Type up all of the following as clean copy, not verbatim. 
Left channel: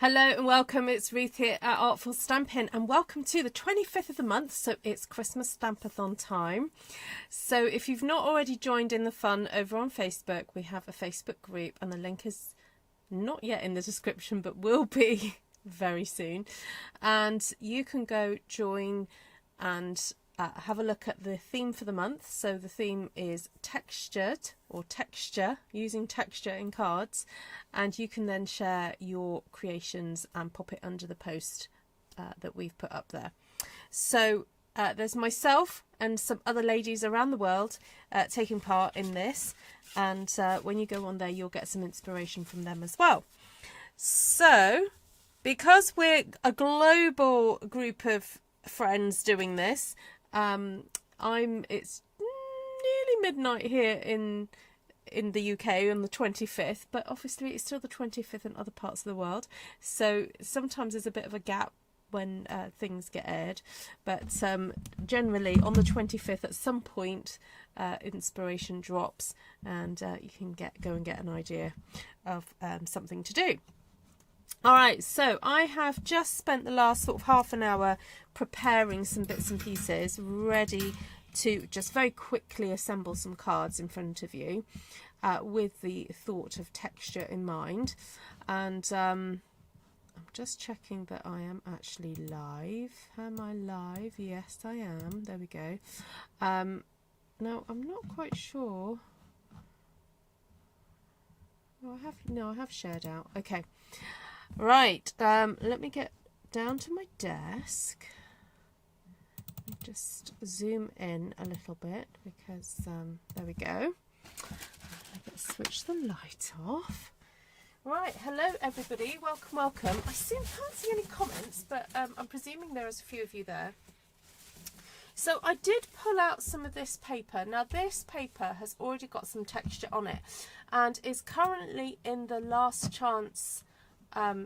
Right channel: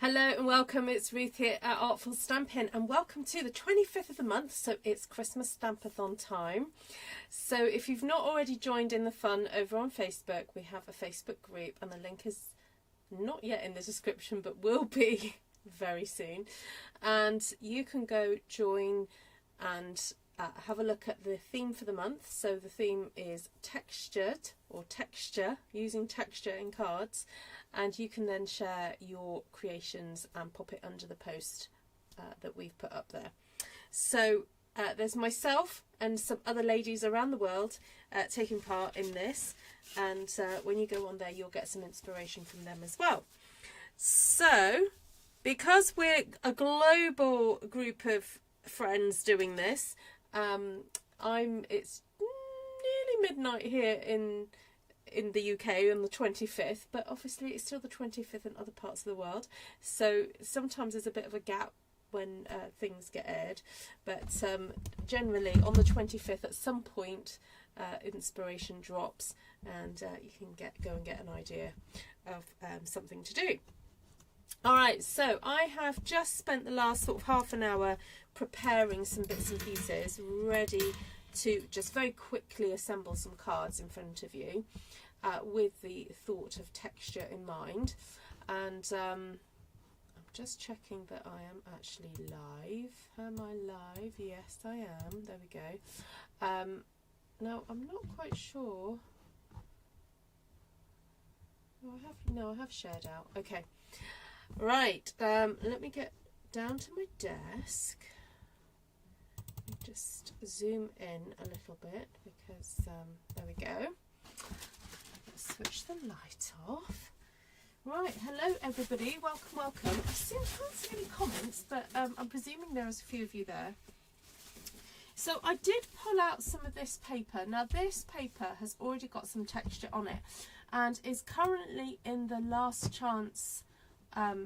Hello and welcome, it's Ruth here at Artful Stampin, and welcome to the 25th of the month, so it's Christmas Stampathon time. So if you've not already joined in the fun over on Facebook, we have a Facebook group and the link is not yet in the description but will be very soon, and you can go join and have a look at the theme for the month. So the theme is textured, or texture, using texture in cards, and you can then share your creations and pop it under the post that we've put up there. So there's myself and some other ladies around the world taking part in this, and when you go on there you'll get some inspiration from them as well. So because we're a global group of friends doing this, it's nearly midnight here in the UK on the 25th, but obviously it's still the 25th in other parts of the world, so sometimes there's a bit of a gap when things get aired, but generally on the 25th at some point inspiration drops, and you can go and get an idea of something to do. Alright, so I have just spent the last sort of half an hour preparing some bits and pieces ready to just very quickly assemble some cards in front of you with the thought of texture in mind. And I'm just checking that I am actually live. Am I live? Yes, I am. There we go. Now, I'm not quite sure. I have shared out. Okay. Right, let me get down to my desk. Just zoom in a little bit because there we go. Let's switch the light off. Right, hello everybody, welcome. I can't see any comments, but I'm presuming there is a few of you there. So I did pull out some of this paper. Now this paper has already got some texture on it and is currently in the last chance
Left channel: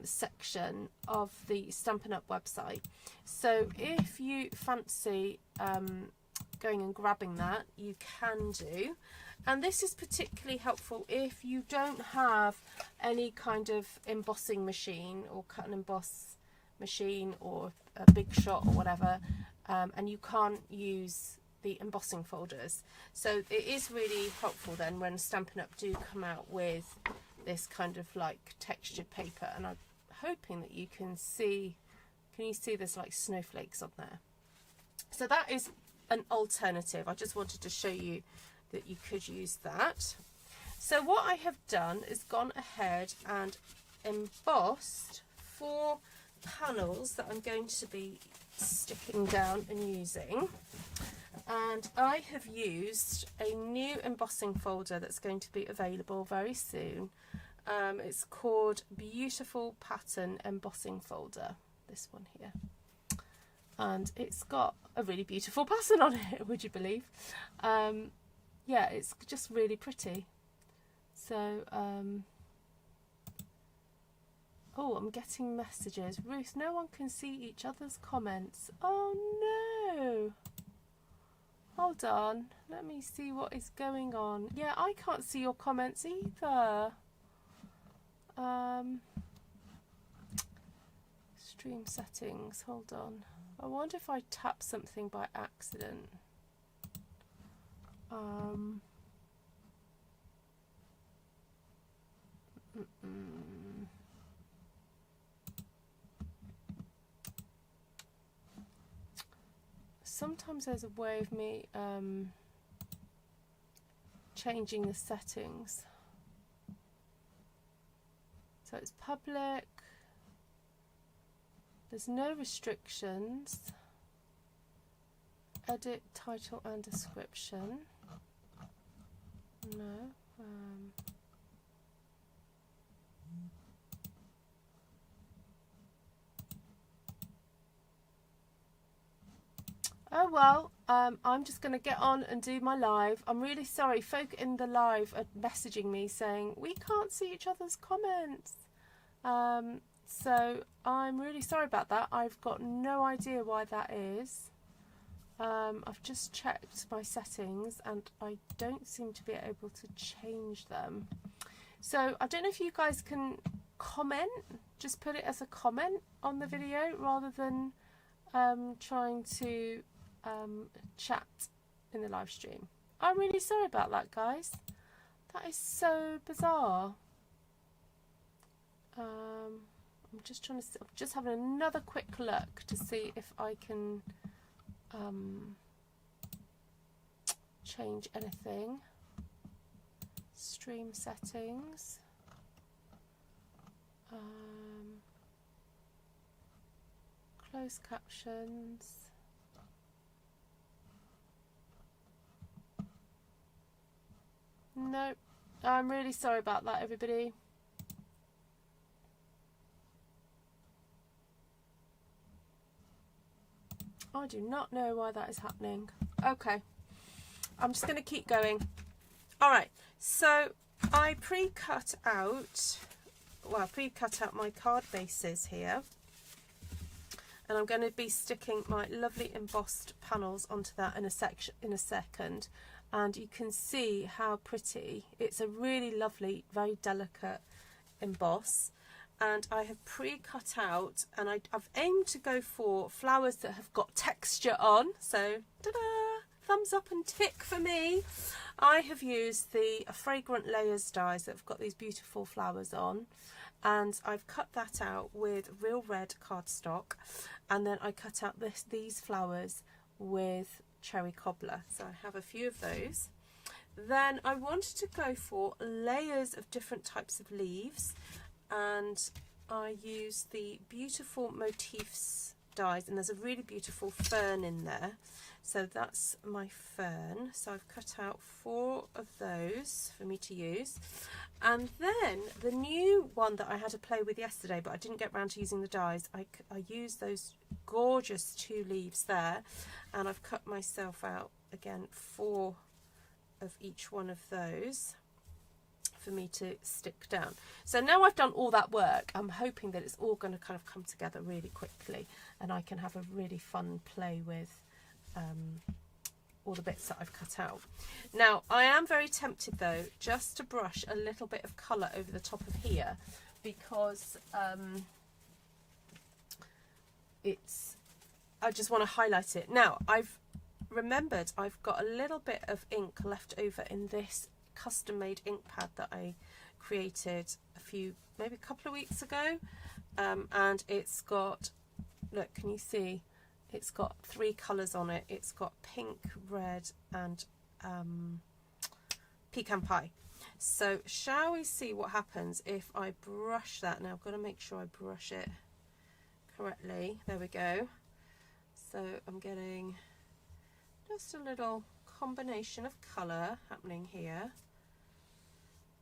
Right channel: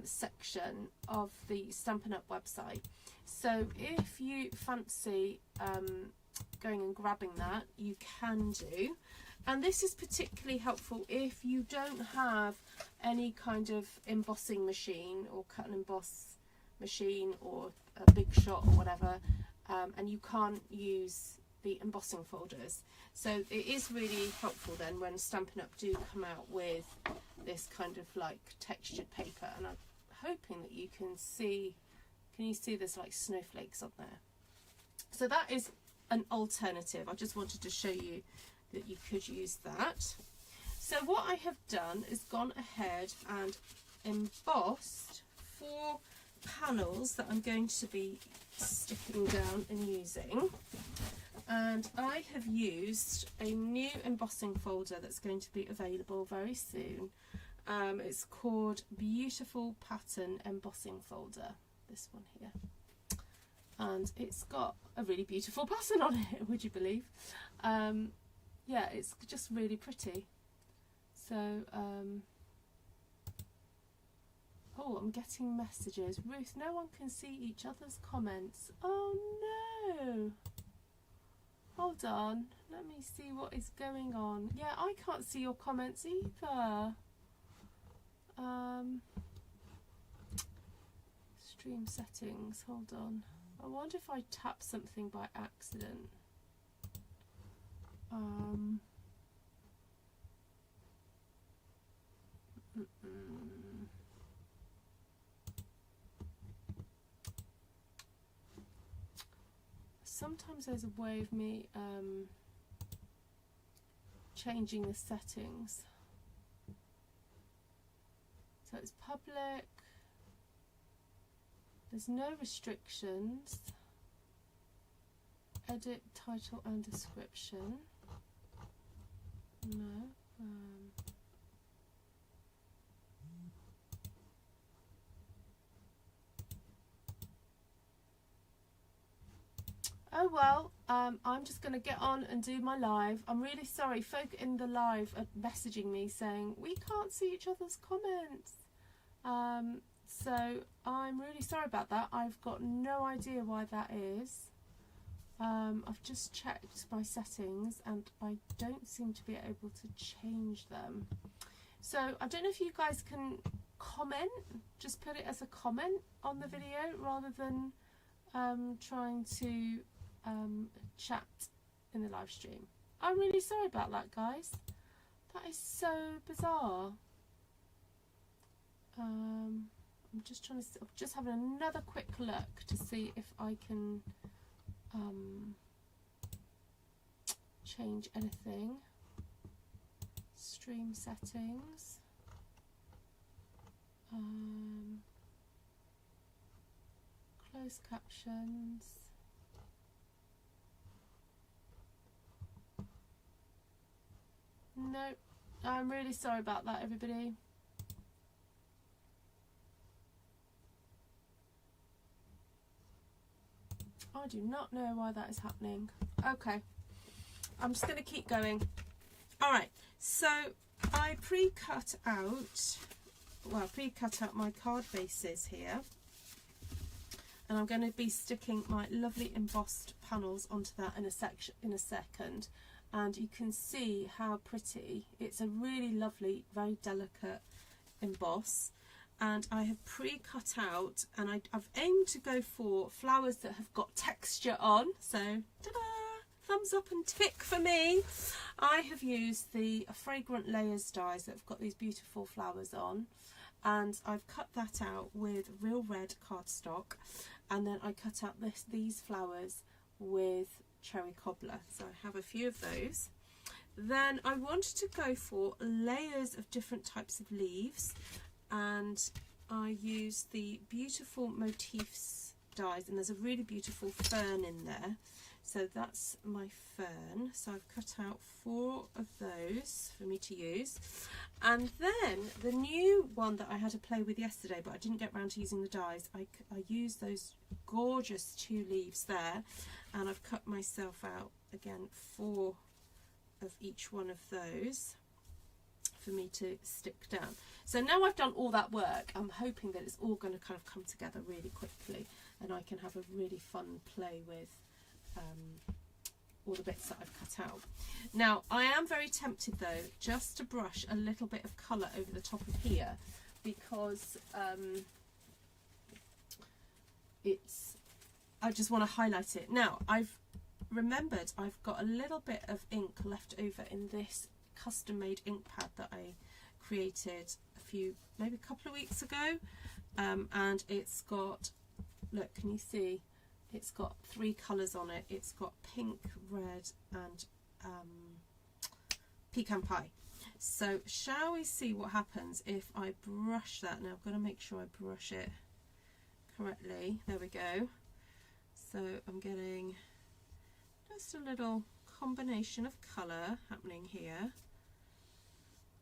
section of the Stampin Up website. So if you fancy going and grabbing that, you can do. And this is particularly helpful if you don't have any kind of embossing machine or cut and emboss machine or a big shot or whatever, and you can't use the embossing folders. So it is really helpful then when Stampin Up do come out with this kind of like textured paper, and I'm hoping that you can see there's like snowflakes on there. So that is an alternative. I just wanted to show you that you could use that. So what I have done is gone ahead and embossed 4 panels that I'm going to be sticking down and using. And I have used a new embossing folder that's going to be available very soon. It's called Beautiful Pattern Embossing Folder, this one here. And it's got a really beautiful pattern on it, would you believe? Yeah, it's just really pretty. So, oh, I'm getting messages. Ruth, no one can see each other's comments. Oh no! Hold on, let me see what is going on. Yeah, I can't see your comments either. Stream settings, hold on. I wonder if I tap something by accident. Sometimes there's a way of me changing the settings. So it's public, there's no restrictions, edit title and description, no, oh well, I'm just going to get on and do my live. I'm really sorry, folk in the live are messaging me saying we can't see each other's comments. So I'm really sorry about that. I've got no idea why that is. I've just checked my settings and I don't seem to be able to change them. So I don't know if you guys can comment, just put it as a comment on the video rather than trying to chat in the live stream. I'm really sorry about that, guys. That is so bizarre. I'm just trying to, I'm just having another quick look to see if I can change anything. Stream settings. Closed captions. No, I'm really sorry about that, everybody. I do not know why that is happening. Okay, I'm just going to keep going. All right, so I pre-cut out my card bases here, and I'm going to be sticking my lovely embossed panels onto that in a second. And you can see how pretty. It's a really lovely, very delicate emboss. And I have pre-cut out, and I've aimed to go for flowers that have got texture on. So, ta-da! Thumbs up and tick for me. I have used the Fragrant Layers dies that have got these beautiful flowers on. And I've cut that out with real red cardstock. And then I cut out these flowers with cherry cobbler. So I have a few of those. Then I wanted to go for layers of different types of leaves, and I use the beautiful motifs dies, and there's a really beautiful fern in there, so that's my fern. So I've cut out 4 of those for me to use. And then the new one that I had to play with yesterday, but I didn't get around to using the dies, I used those gorgeous 2 leaves there, and I've cut myself out again 4 of each one of those for me to stick down. So now I've done all that work, I'm hoping that it's all going to kind of come together really quickly, and I can have a really fun play with all the bits that I've cut out. Now I am very tempted though just to brush a little bit of colour over the top of here, because I just want to highlight it. Now I've remembered I've got a little bit of ink left over in this custom made ink pad that I created maybe a couple of weeks ago, and it's got, look, can you see, it's got 3 colours on it. It's got pink, red and pecan pie. So shall we see what happens if I brush that? Now I've got to make sure I brush it correctly. There we go. So I'm getting just a little combination of colour happening here.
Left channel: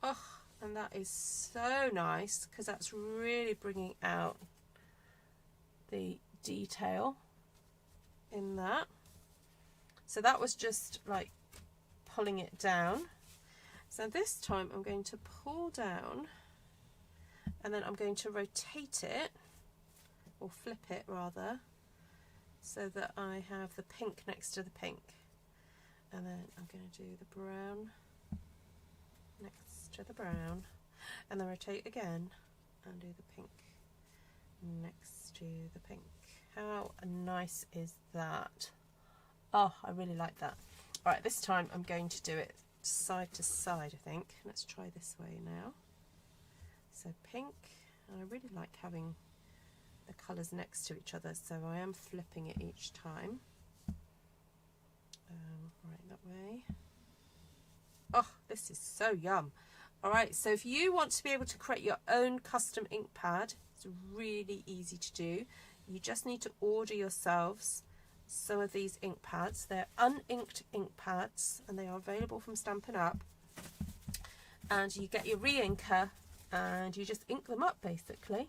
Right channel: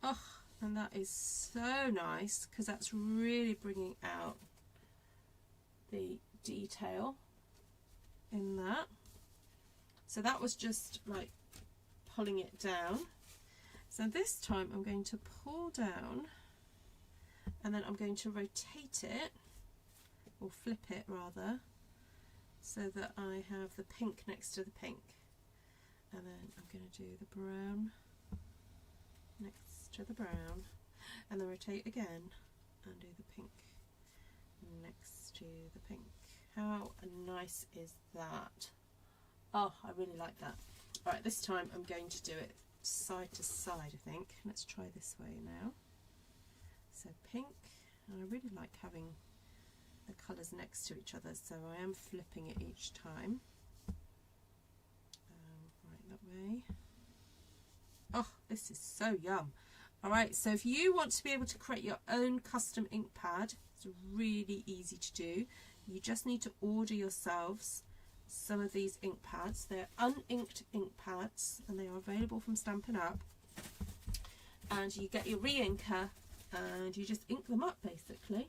Oh, and that is so nice, because that's really bringing out the detail in that. So that was just like pulling it down. So this time I'm going to pull down, and then I'm going to rotate it, or flip it rather, so that I have the pink next to the pink. And then I'm going to do the brown next to the brown, and then rotate again and do the pink next to the pink. How nice is that? Oh, I really like that. All right, this time I'm going to do it side to side, I think. Let's try this way now. So pink, and I really like having the colours next to each other, so I am flipping it each time. Right, that way. Oh, this is so yum. All right, so if you want to be able to create your own custom ink pad, it's really easy to do. You just need to order yourselves some of these ink pads. They're uninked ink pads, and they are available from Stampin Up. And you get your re-inker, and you just ink them up basically.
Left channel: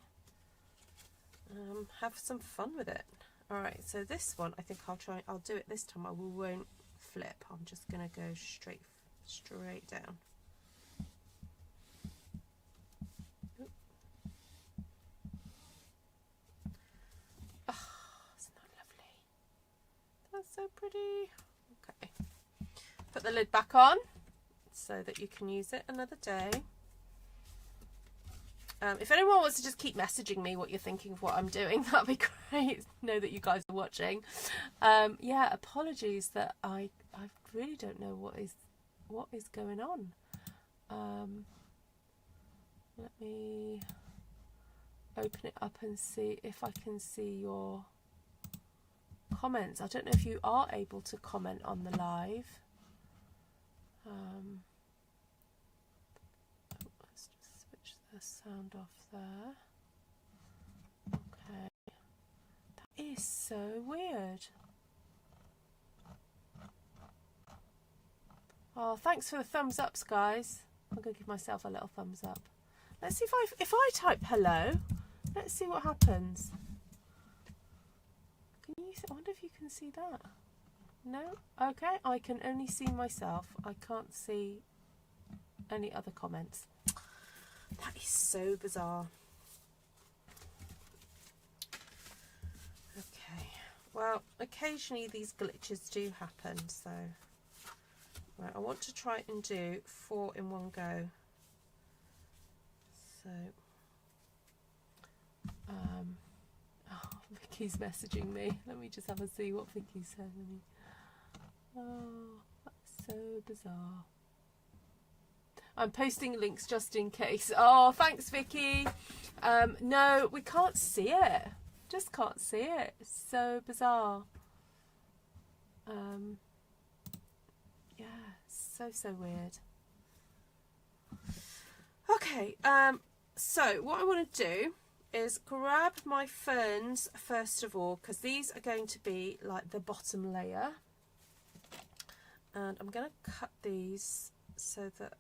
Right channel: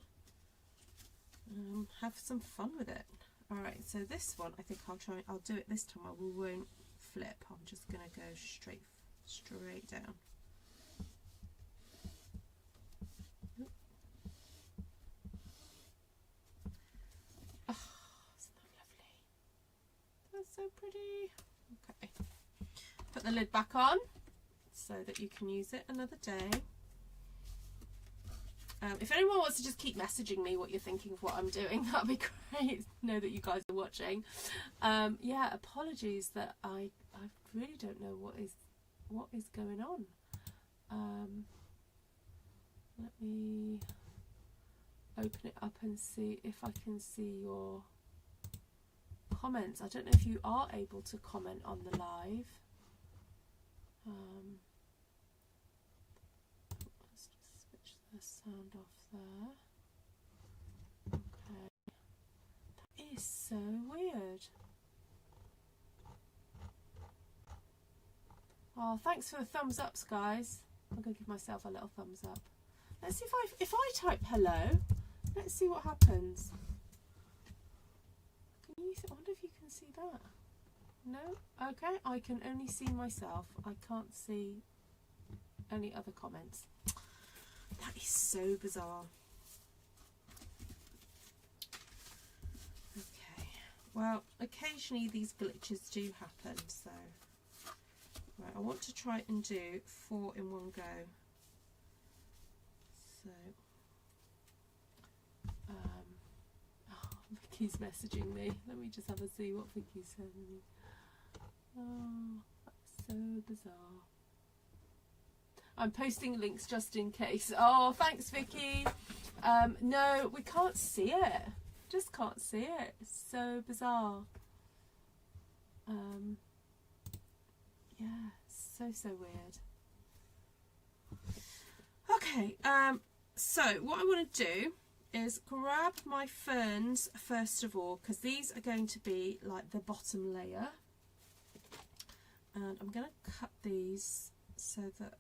Have some fun with it. All right, so this one, I think I'll do it this time. I won't flip. I'm just gonna go straight down. Oh, isn't that lovely? That's so pretty. Okay, put the lid back on so that you can use it another day. If anyone wants to just keep messaging me what you're thinking of what I'm doing, that'd be great. Know that you guys are watching. Yeah, apologies that I really don't know what is going on. Let me open it up and see if I can see your comments. I don't know if you are able to comment on the live. Let's just switch the sound off there. Okay. That is so weird. Oh, thanks for the thumbs ups, guys. I'm going to give myself a little thumbs up. Let's see if I type hello. Let's see what happens. Can you? I wonder if you can see that. No? Okay, I can only see myself. I can't see any other comments. That is so bizarre. Okay, well, occasionally these glitches do happen, so right, I want to try and do 4 in one go. So oh, Vicky's messaging me. Let me just have a see what Vicky's sending me. Oh, that's so bizarre. I'm posting links just in case. Oh, thanks, Vicky. No, we can't see it. Just can't see it. It's so bizarre. Yeah, so weird. Okay, so what I want to do is grab my ferns first of all, because these are going to be like the bottom layer. And I'm going to cut these so that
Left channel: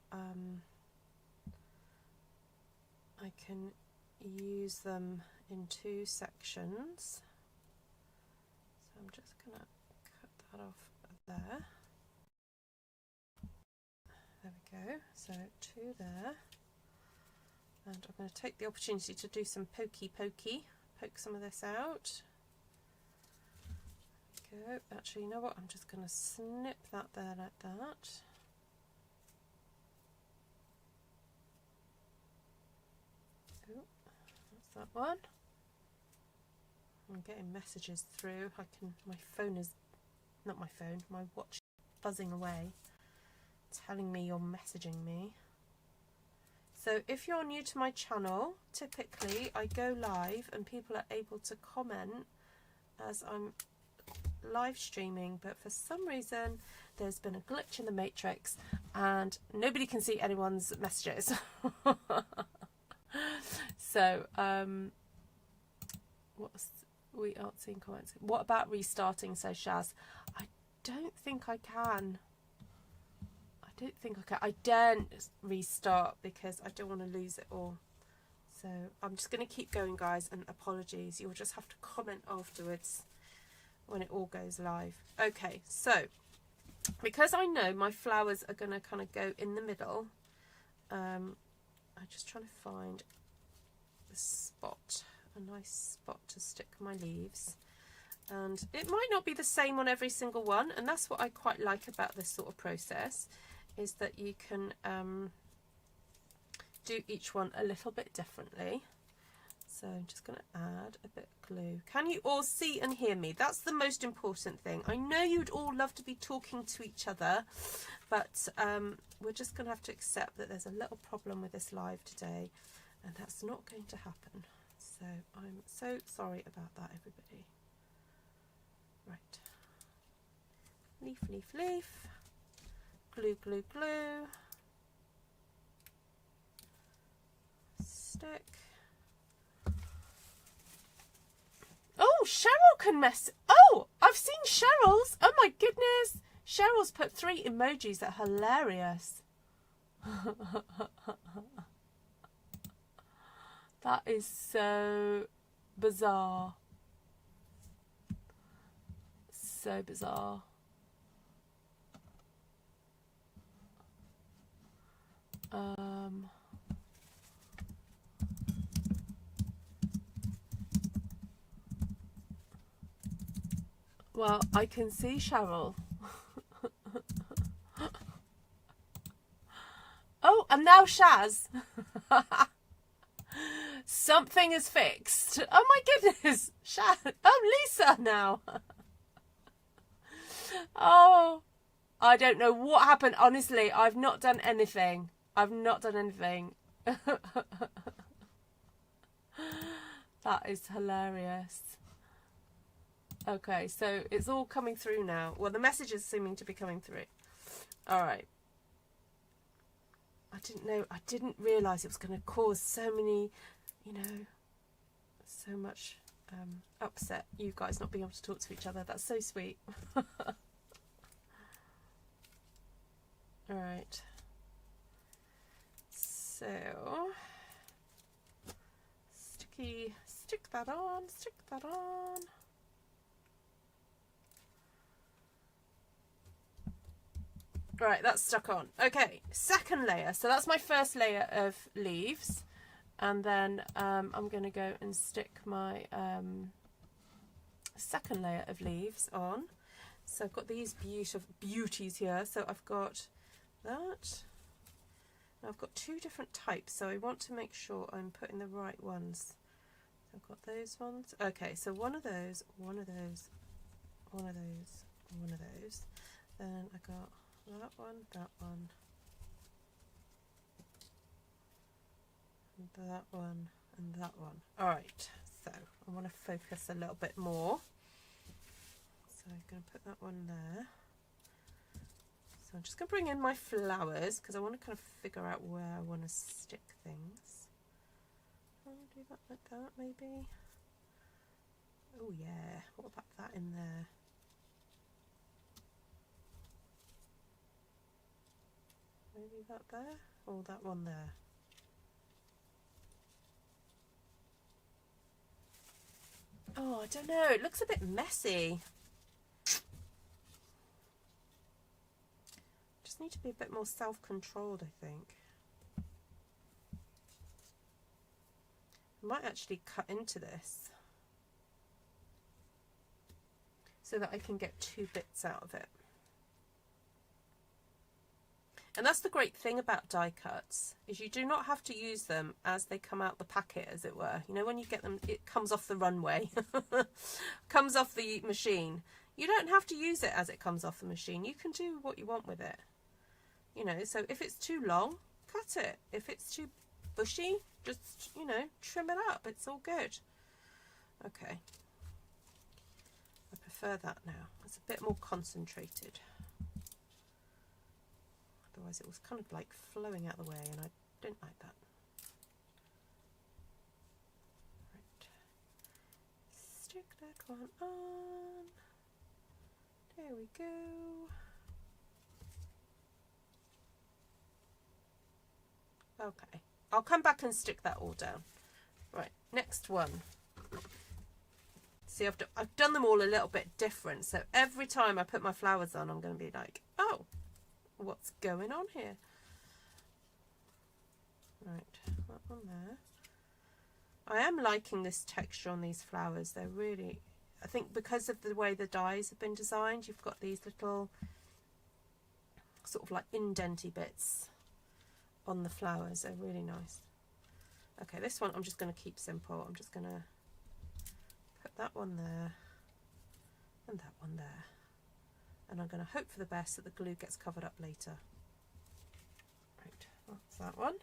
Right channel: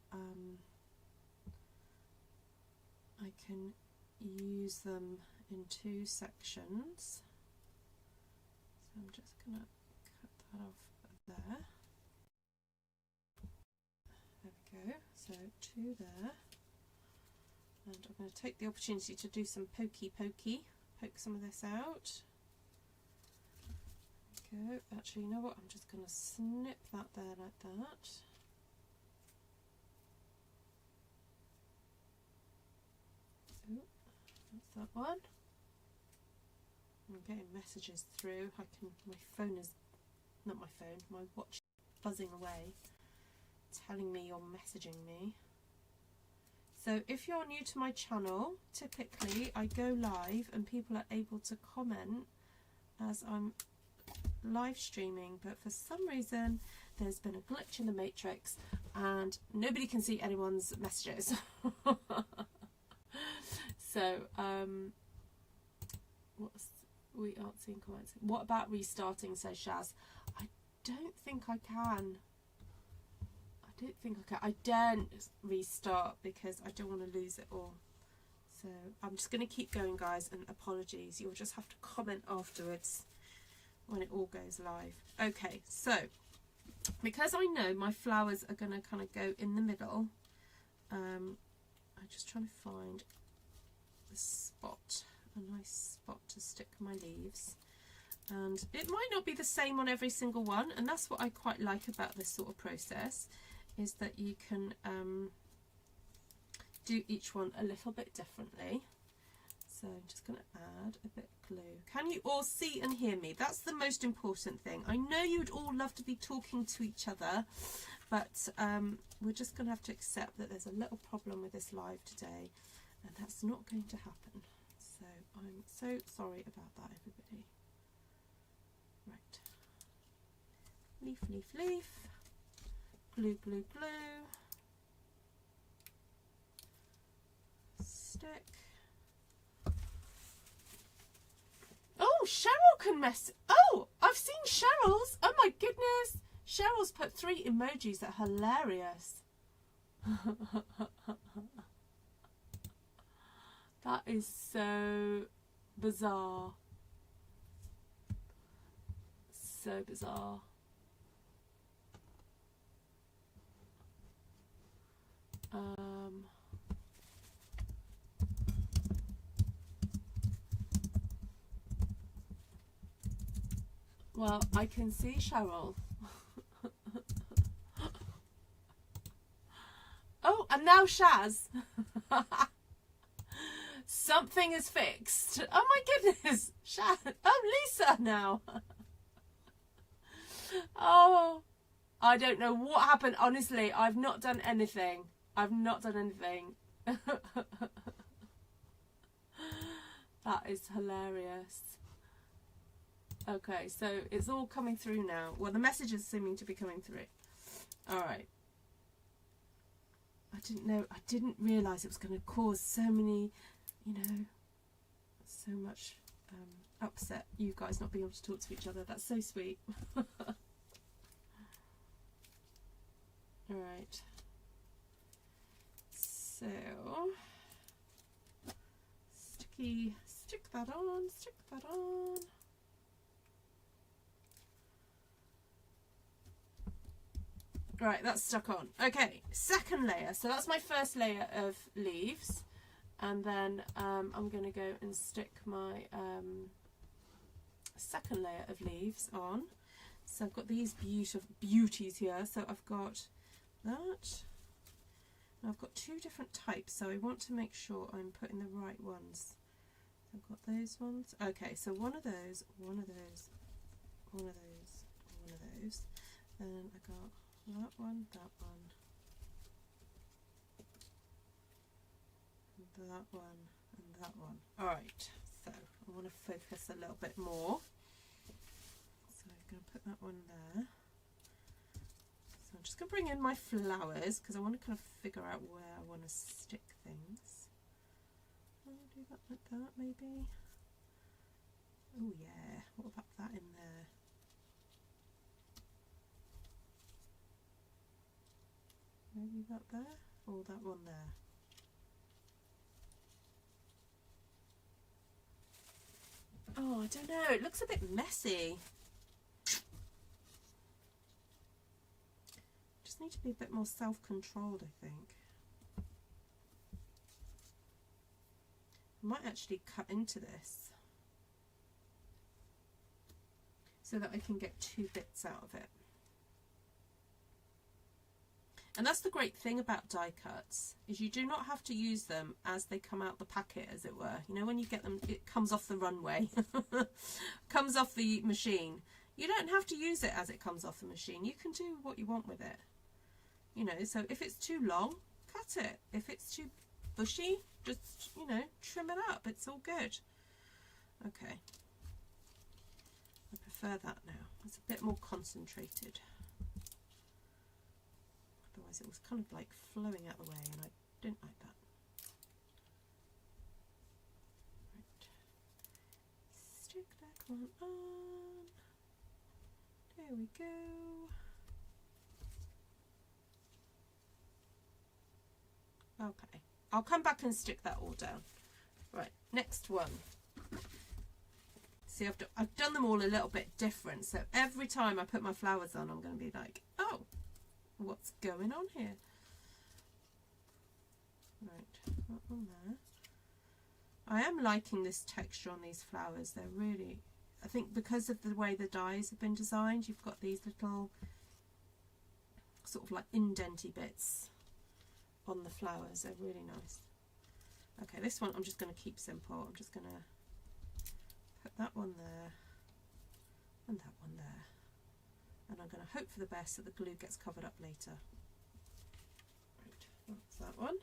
I can use them in 2 sections. So I'm just going to cut that off there. There we go. So 2 there. And I'm going to take the opportunity to do some poke some of this out. Go. Actually, you know what? I'm just going to snip that there like that. Oh, that's that one. I'm getting messages through. My phone is, not my phone, my watch is buzzing away, telling me you're messaging me. So if you're new to my channel, typically I go live and people are able to comment as I'm live streaming, but for some reason there's been a glitch in the matrix and nobody can see anyone's messages. So we aren't seeing comments. What about restarting, says Shaz? I don't think I can. I daren't restart because I don't want to lose it all. So I'm just going to keep going, guys, and apologies. You'll just have to comment afterwards when it all goes live. Okay, so because I know my flowers are going to kind of go in the middle, I'm just trying to find a spot, a nice spot to stick my leaves. And it might not be the same on every single one, and that's what I quite like about this sort of process, is that you can do each one a little bit differently. So I'm just going to add a bit of glue. Can you all see and hear me? That's the most important thing. I know you'd all love to be talking to each other, but we're just going to have to accept that there's a little problem with this live today, and that's not going to happen. So I'm so sorry about that, everybody. Right. Leaf, leaf, leaf. Glue, glue, glue. Stick. Oh, Cheryl can mess. Oh, I've seen Cheryl's. Oh my goodness. Cheryl's put 3 emojis that are hilarious. That is so bizarre. So bizarre. Well, I can see Cheryl. Oh, and now Shaz. Something is fixed. Oh my goodness. Oh, Lisa now. Oh, I don't know what happened. Honestly, I've not done anything. I've not done anything. That is hilarious. Okay, so it's all coming through now. Well, the message is seeming to be coming through. All right. I didn't realise it was going to cause so many, you know, so much upset, you guys not being able to talk to each other. That's so sweet. All right. So, stick that on, stick that on. Right, that's stuck on. Okay, second layer. So that's my first layer of leaves. And then I'm going to go and stick my second layer of leaves on. So I've got these beauties here. So I've got that. And I've got two different types. So I want to make sure I'm putting the right ones. So I've got those ones. Okay, so one of those, one of those, one of those, one of those. Then I got that one, that one, and that one, and that one. All right, so I want to focus a little bit more. So I'm going to put that one there. So I'm just going to bring in my flowers because I want to kind of figure out where I want to stick things. I'll do that like that, maybe. Oh yeah, what about that in there? Maybe that there, or that one there. Oh, I don't know, it looks a bit messy. Just need to be a bit more self-controlled, I think. I might actually cut into this so that I can get two bits out of it. And that's the great thing about die cuts, is you do not have to use them as they come out the packet, as it were. You know, when you get them, it comes off the runway, comes off the machine. You don't have to use it as it comes off the machine. You can do what you want with it. You know, so if it's too long, cut it. If it's too bushy, just, you know, trim it up. It's all good. Okay. I prefer that now. It's a bit more concentrated. Otherwise it was kind of like flowing out the way and I didn't like that. Right. Stick that one on. There we go. Okay. I'll come back and stick that all down. Right, next one. See, I've done them all a little bit different. So every time I put my flowers on, I'm going to be like, oh, what's going on here? Right, that one there. I am liking this texture on these flowers. They're really, I think because of the way the dies have been designed, you've got these little sort of like indenty bits on the flowers. They're really nice. Okay, this one I'm just going to keep simple. I'm just going to put that one there and that one there. And I'm going to hope for the best that the glue gets covered up later. Right, that's that one.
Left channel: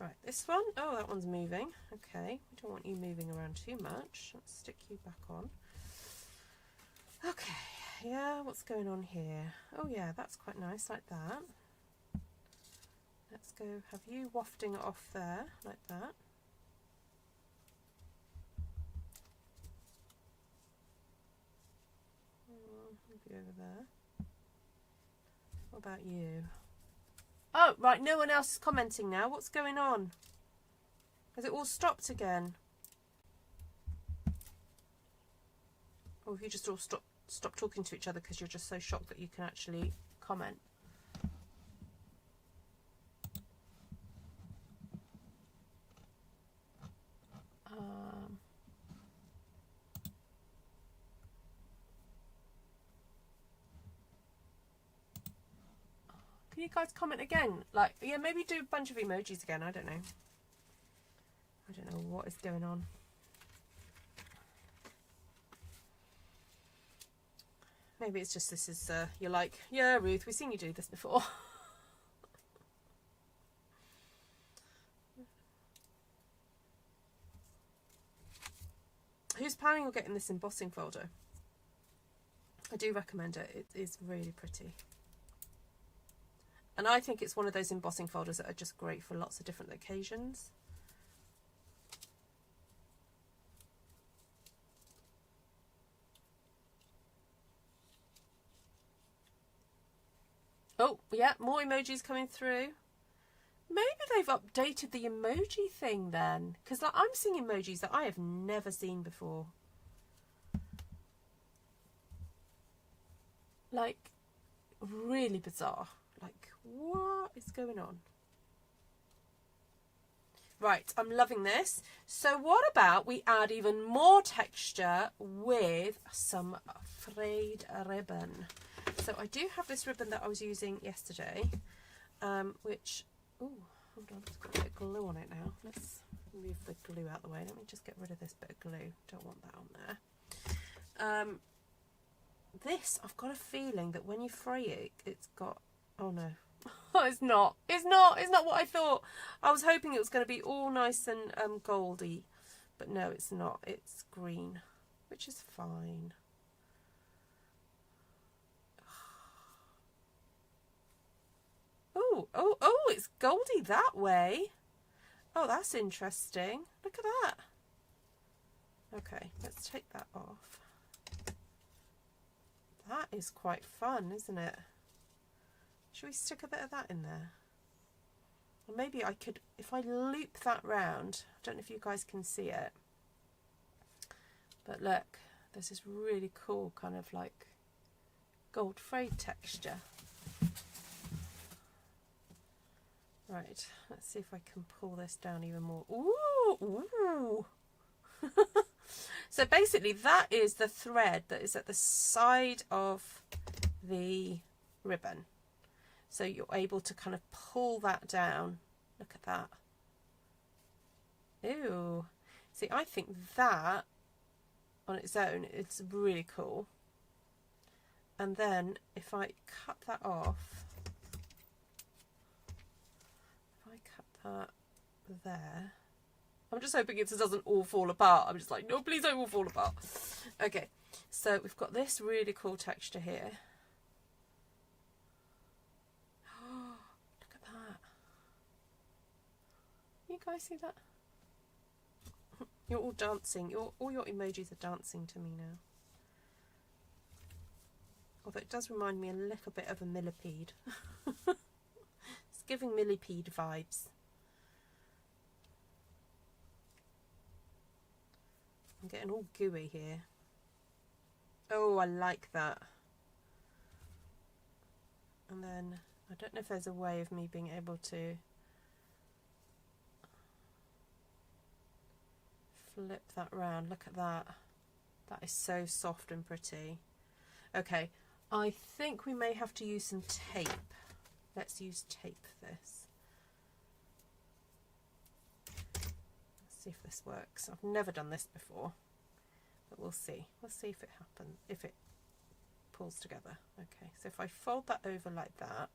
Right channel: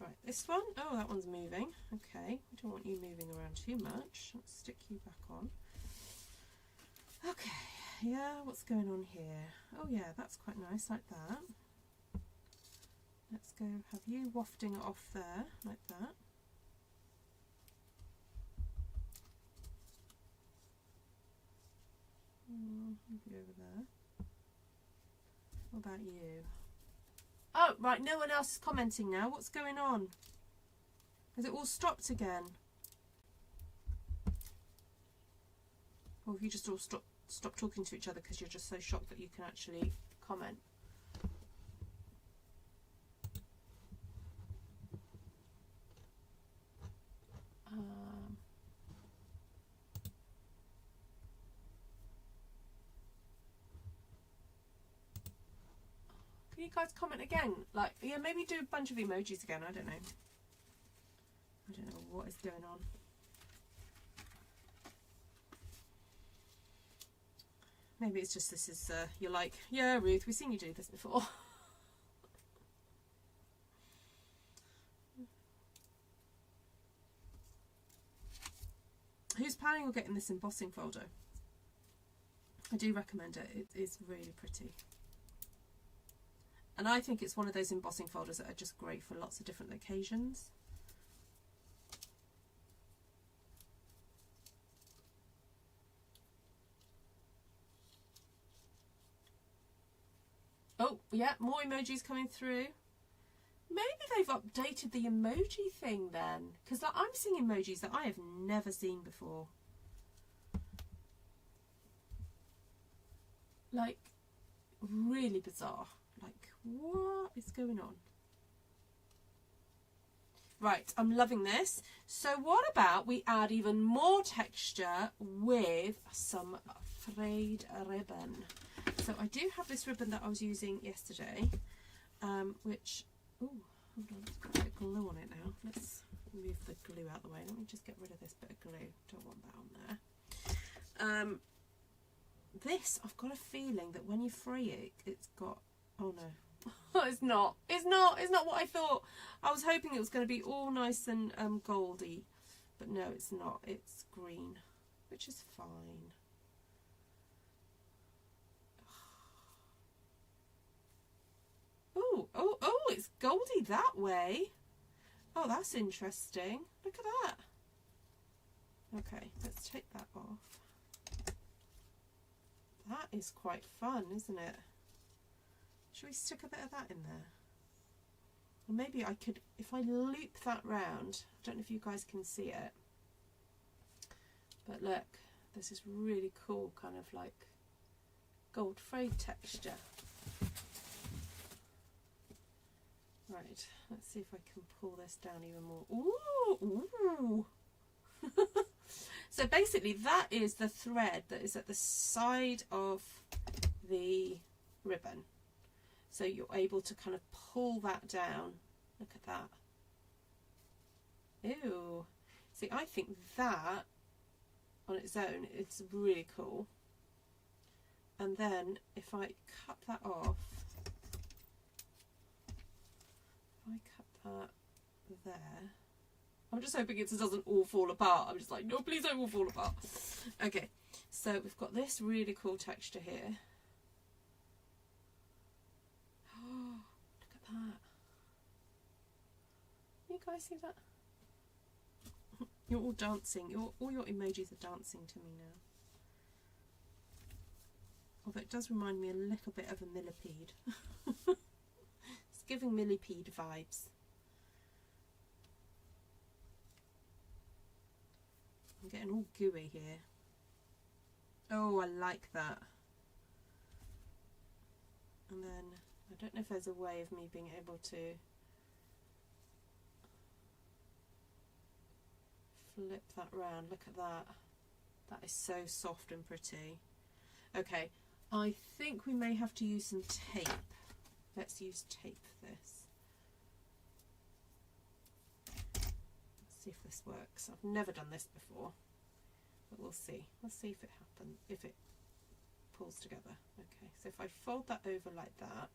Right, this one. Oh, that one's moving. Okay, we don't want you moving around too much. Let's stick you back on. Okay, yeah, what's going on here? Oh yeah, that's quite nice, like that. Let's go have you wafting it off there, like that. Maybe over there. What about you? Oh, right, no one else is commenting now. What's going on? Has it all stopped again? Or have you just all stop talking to each other because you're just so shocked that you can actually comment? Can you guys comment again? Like, yeah, maybe do a bunch of emojis again. I don't know. I don't know what is going on. Maybe it's just this is, you're like, yeah, Ruth, we've seen you do this before. Who's planning on getting this embossing folder? I do recommend it. It is really pretty. And I think it's one of those embossing folders that are just great for lots of different occasions. Oh, yeah, more emojis coming through. Maybe they've updated the emoji thing then, because like, I'm seeing emojis that I have never seen before. Like, really bizarre. Like, what is going on? Right, I'm loving this. So what about we add even more texture with some frayed ribbon? So I do have this ribbon that I was using yesterday, which, oh, hold on, it's got a bit of glue on it now. Let's move the glue out of the way. Let me just get rid of this bit of glue. Don't want that on there. This, I've got a feeling that when you fray it, it's got, oh no. It's not what I thought. I was hoping it was going to be all nice and goldy, but no, it's not. It's green, which is fine. Oh, it's goldy that way. Oh, that's interesting. Look at that. Okay, let's take that off. That is quite fun, isn't it? Should we stick a bit of that in there? Or maybe I could, if I loop that round, I don't know if you guys can see it, but look, there's this really cool kind of like gold frayed texture. Right, let's see if I can pull this down even more. Ooh! So basically that is the thread that is at the side of the ribbon. So you're able to kind of pull that down. Look at that. Ew. See, I think that on its own, it's really cool. And then if I cut that off, if I cut that there, I'm just hoping it doesn't all fall apart. I'm just like, no, please don't all fall apart. Okay, so we've got this really cool texture here. Oh, look at that. You guys see that? You're all dancing. All your emojis are dancing to me now. Although it does remind me a little bit of a millipede. It's giving millipede vibes. I'm getting all gooey here. Oh, I like that. And then, I don't know if there's a way of me being able to flip that round. Look at that. That is so soft and pretty. Okay, I think we may have to use some tape. Let's use tape for this. Let's see if this works. I've never done this before, but we'll see. We'll see if it happens, if it pulls together. Okay, so if I fold that over like that,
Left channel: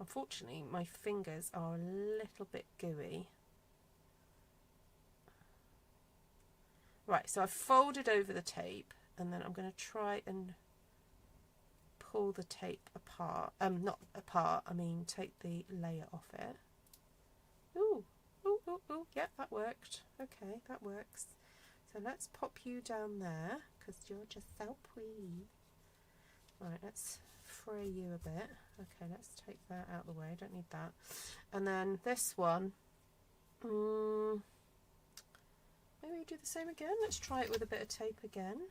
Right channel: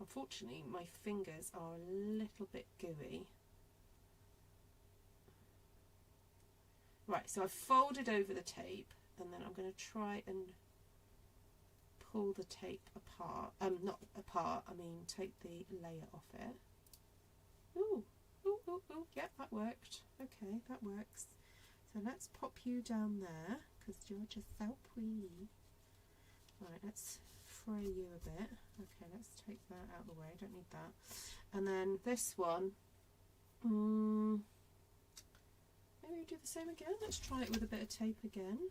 unfortunately my fingers are a little bit gooey. Right, so I've folded over the tape, and then I'm going to try and pull the tape apart. Not apart, I mean take the layer off it. Ooh, ooh, ooh, ooh, yeah, that worked. Okay, that works. So let's pop you down there, because you're just so pretty. Right, let's fray you a bit. Okay, let's take that out of the way, don't need that. And then this one, maybe we do the same again. Let's try it with a bit of tape again.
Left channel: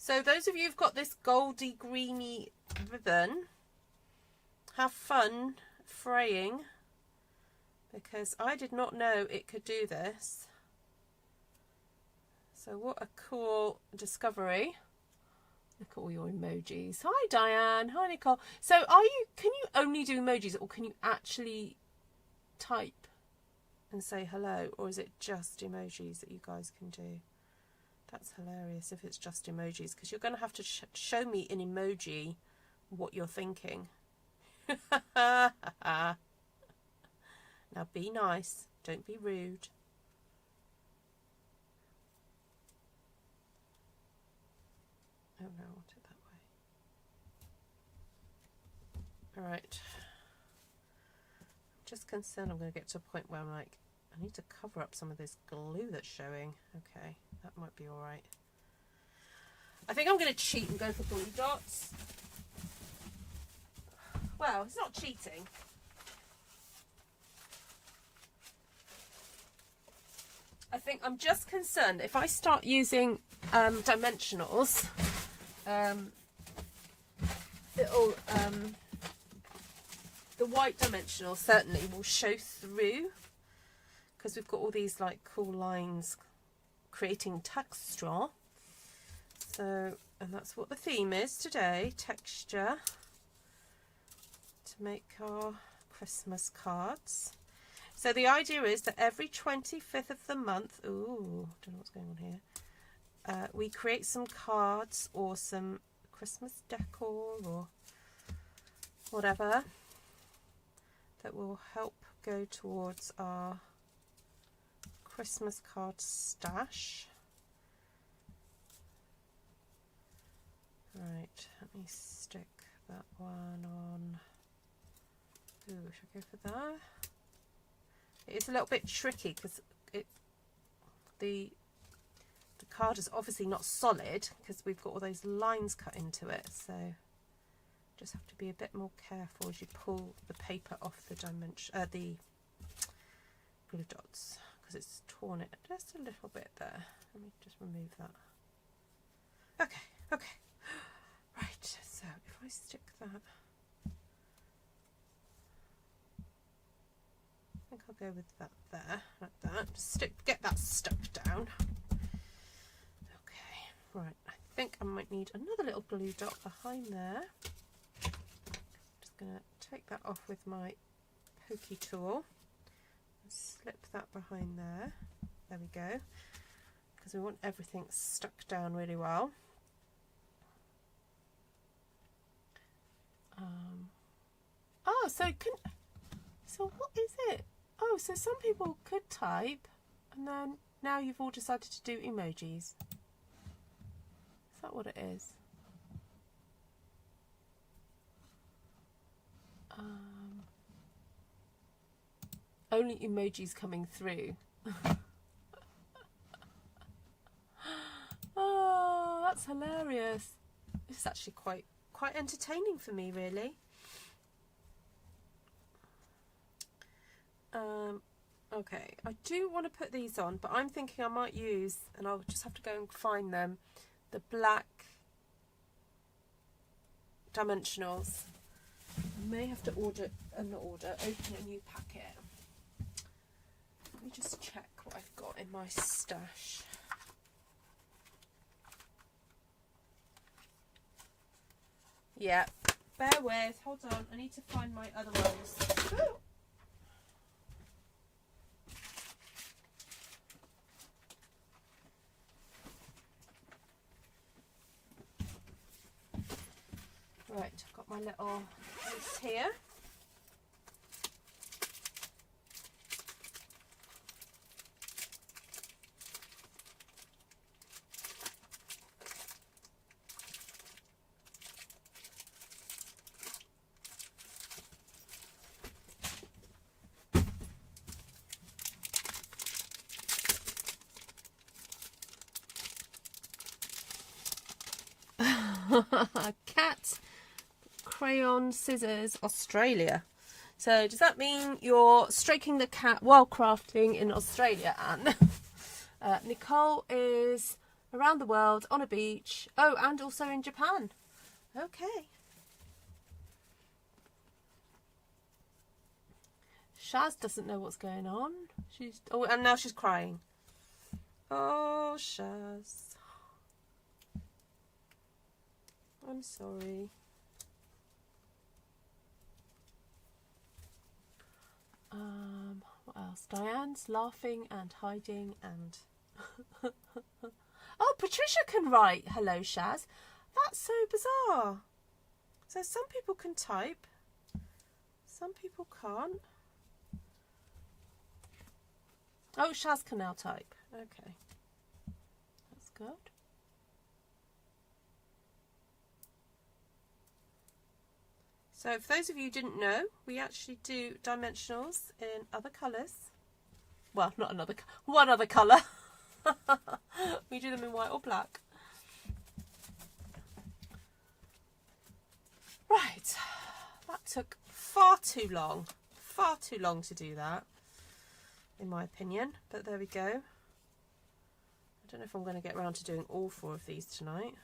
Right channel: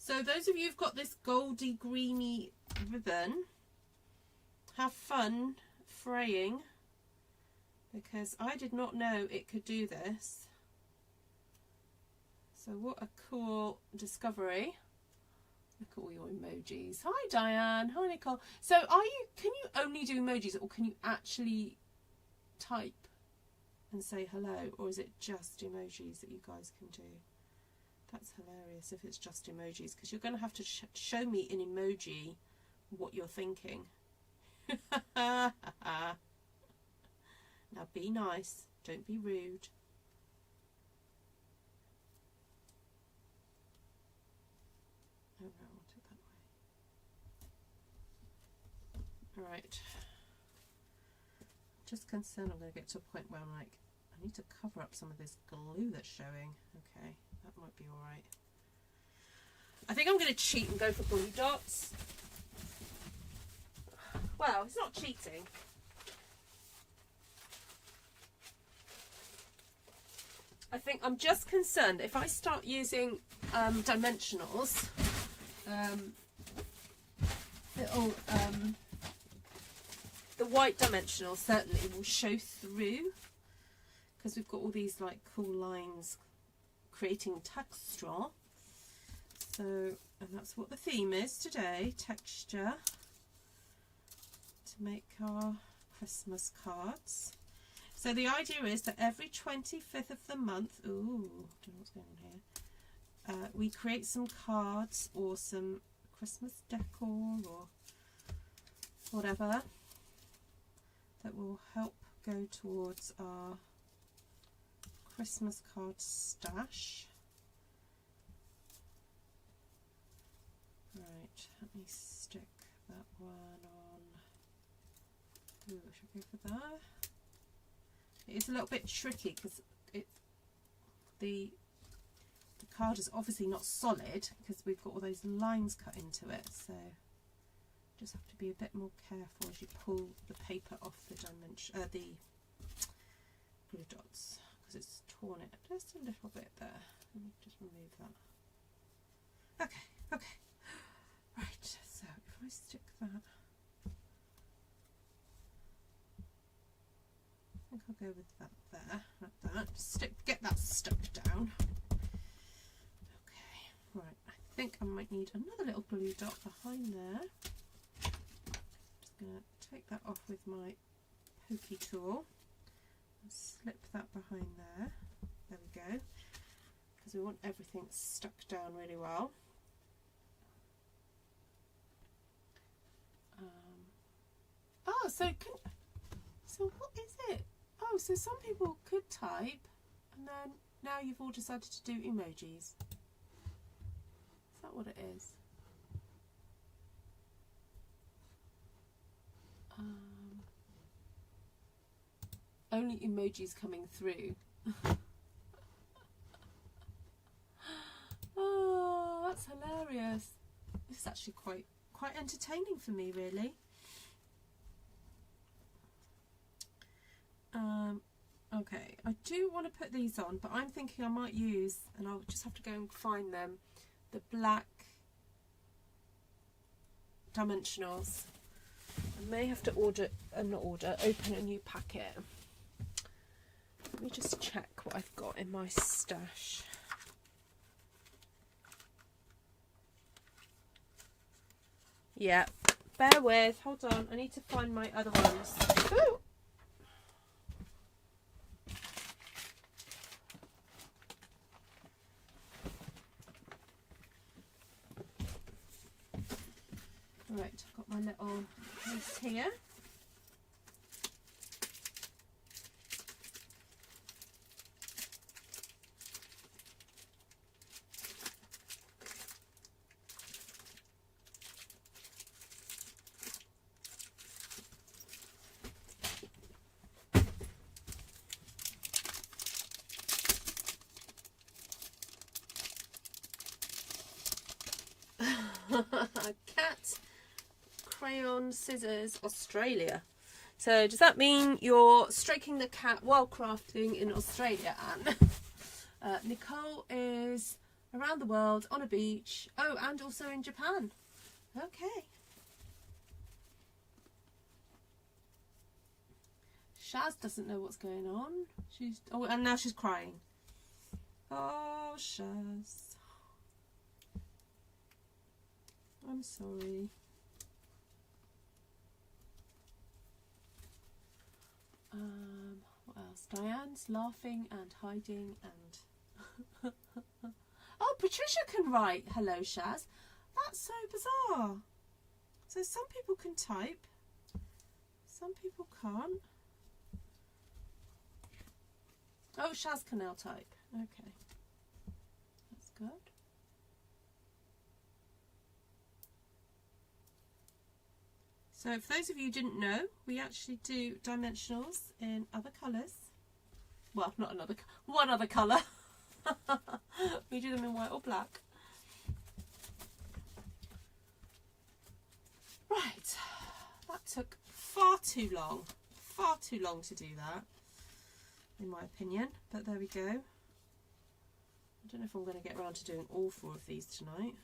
So those of you who've got this goldy greeny ribbon, have fun fraying, because I did not know it could do this. So what a cool discovery. Look at all your emojis. Hi Diane, hi Nicole. So can you only do emojis, or can you actually type? and say hello, or is it just emojis that you guys can do? That's hilarious if it's just emojis, because you're going to have to show me in emoji what you're thinking. Now be nice, don't be rude. Oh no, I want it that way. Alright. I'm just concerned I'm going to get to a point where I'm like, I need to cover up some of this glue that's showing. Okay, that might be alright. I think I'm going to cheat and go for glue dots. Well, it's not cheating. I think I'm just concerned if I start using dimensionals, it'll, the white dimensional certainly will show through, because we've got all these like cool lines creating texture. So, and that's what the theme is today, texture, to make our Christmas cards. So the idea is that every 25th of the month, ooh, don't know what's going on here, we create some cards or some Christmas decor or whatever that will help go towards our Christmas card stash. Right, let me stick that one on. Ooh, should I go for that? It's a little bit tricky because the card is obviously not solid because we've got all those lines cut into it, so just have to be a bit more careful as you pull the paper off the dimension, the glue dots, because it's torn it just a little bit there. Let me just remove that. Okay, right, so if I stick that, I think I'll go with that there, like that. Just get that stuck down. Okay, right. I think I might need another little glue dot behind there. Just going to take that off with my pokey tool and slip that behind there. There we go. Because we want everything stuck down really well. Oh, so what is it? Oh, so some people could type, and then now you've all decided to do emojis. Is that what it is? Only emojis coming through. Oh, that's hilarious. This is actually quite entertaining for me, really. Okay, I do want to put these on, but I'm thinking I might use, and I'll just have to go and find them, the black dimensionals. I may have to open a new packet. Let me just check what I've got in my stash. Yeah, bear with, hold on, I need to find my other ones. Ooh. Right, I've got my little piece here. Cat crayon scissors Australia. So does that mean you're stroking the cat while crafting in Australia, Anne? Nicole is around the world on a beach. Oh, and also in Japan. Okay. Shaz doesn't know what's going on. And now she's crying. Oh, Shaz. I'm sorry. What else? Diane's laughing and hiding and... Oh, Patricia can write. Hello, Shaz. That's so bizarre. So some people can type, some people can't. Oh, Shaz can now type. Okay. That's good. So for those of you who didn't know, we actually do dimensionals in other colours. Well, not another, one other colour. We do them in white or black. Right, that took far too long to do that, in my opinion, but there we go. I don't know if I'm going to get around to doing all 4 of these tonight.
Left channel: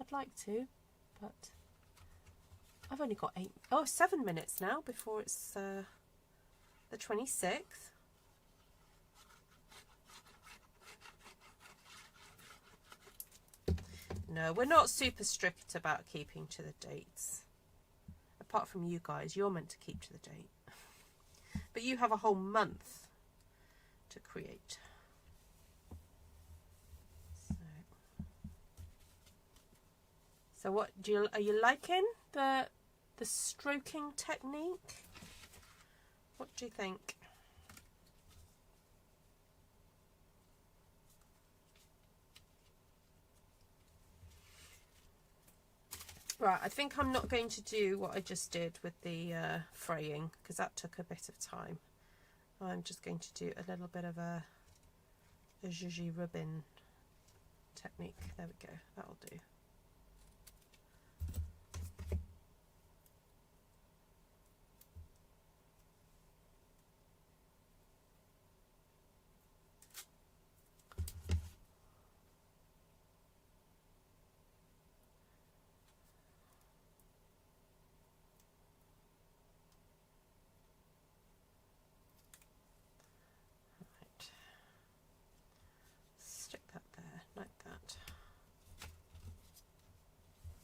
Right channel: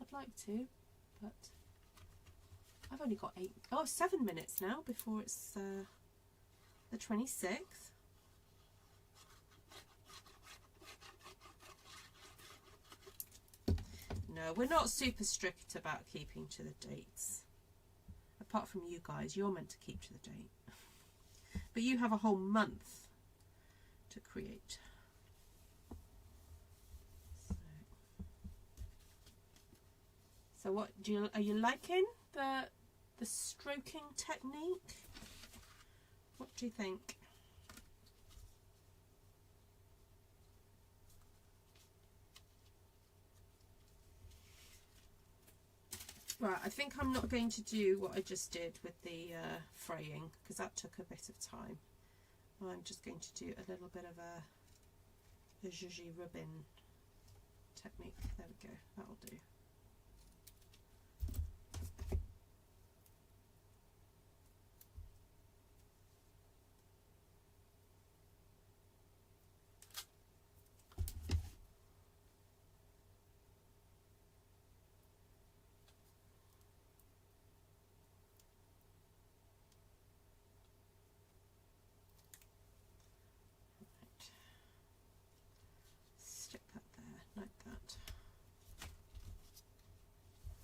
I'd like to, but I've only got 7 minutes now before it's the 26th. No, we're not super strict about keeping to the dates. Apart from you guys, you're meant to keep to the date. But you have a whole month to create. So what are you liking the stroking technique? What do you think? Right, I think I'm not going to do what I just did with the fraying, because that took a bit of time. I'm just going to do a little bit of a zhuzhy ribbon technique. There we go, that'll do.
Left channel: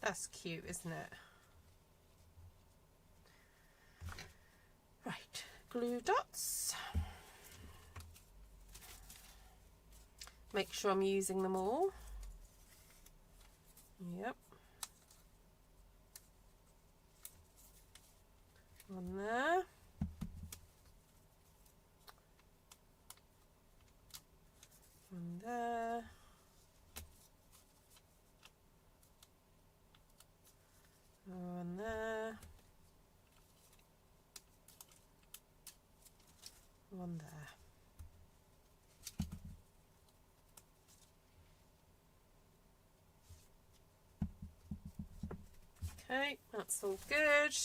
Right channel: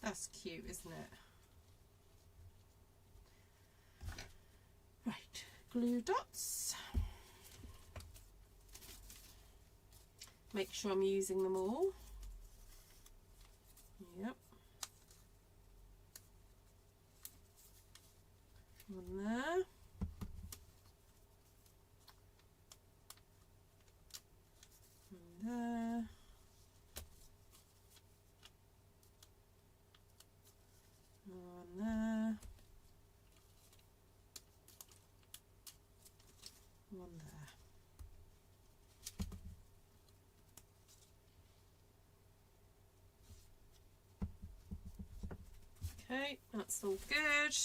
That's cute, isn't it? Right, glue dots. Make sure I'm using them all. Yep. One there. One there. One there, one there. Okay, that's all good.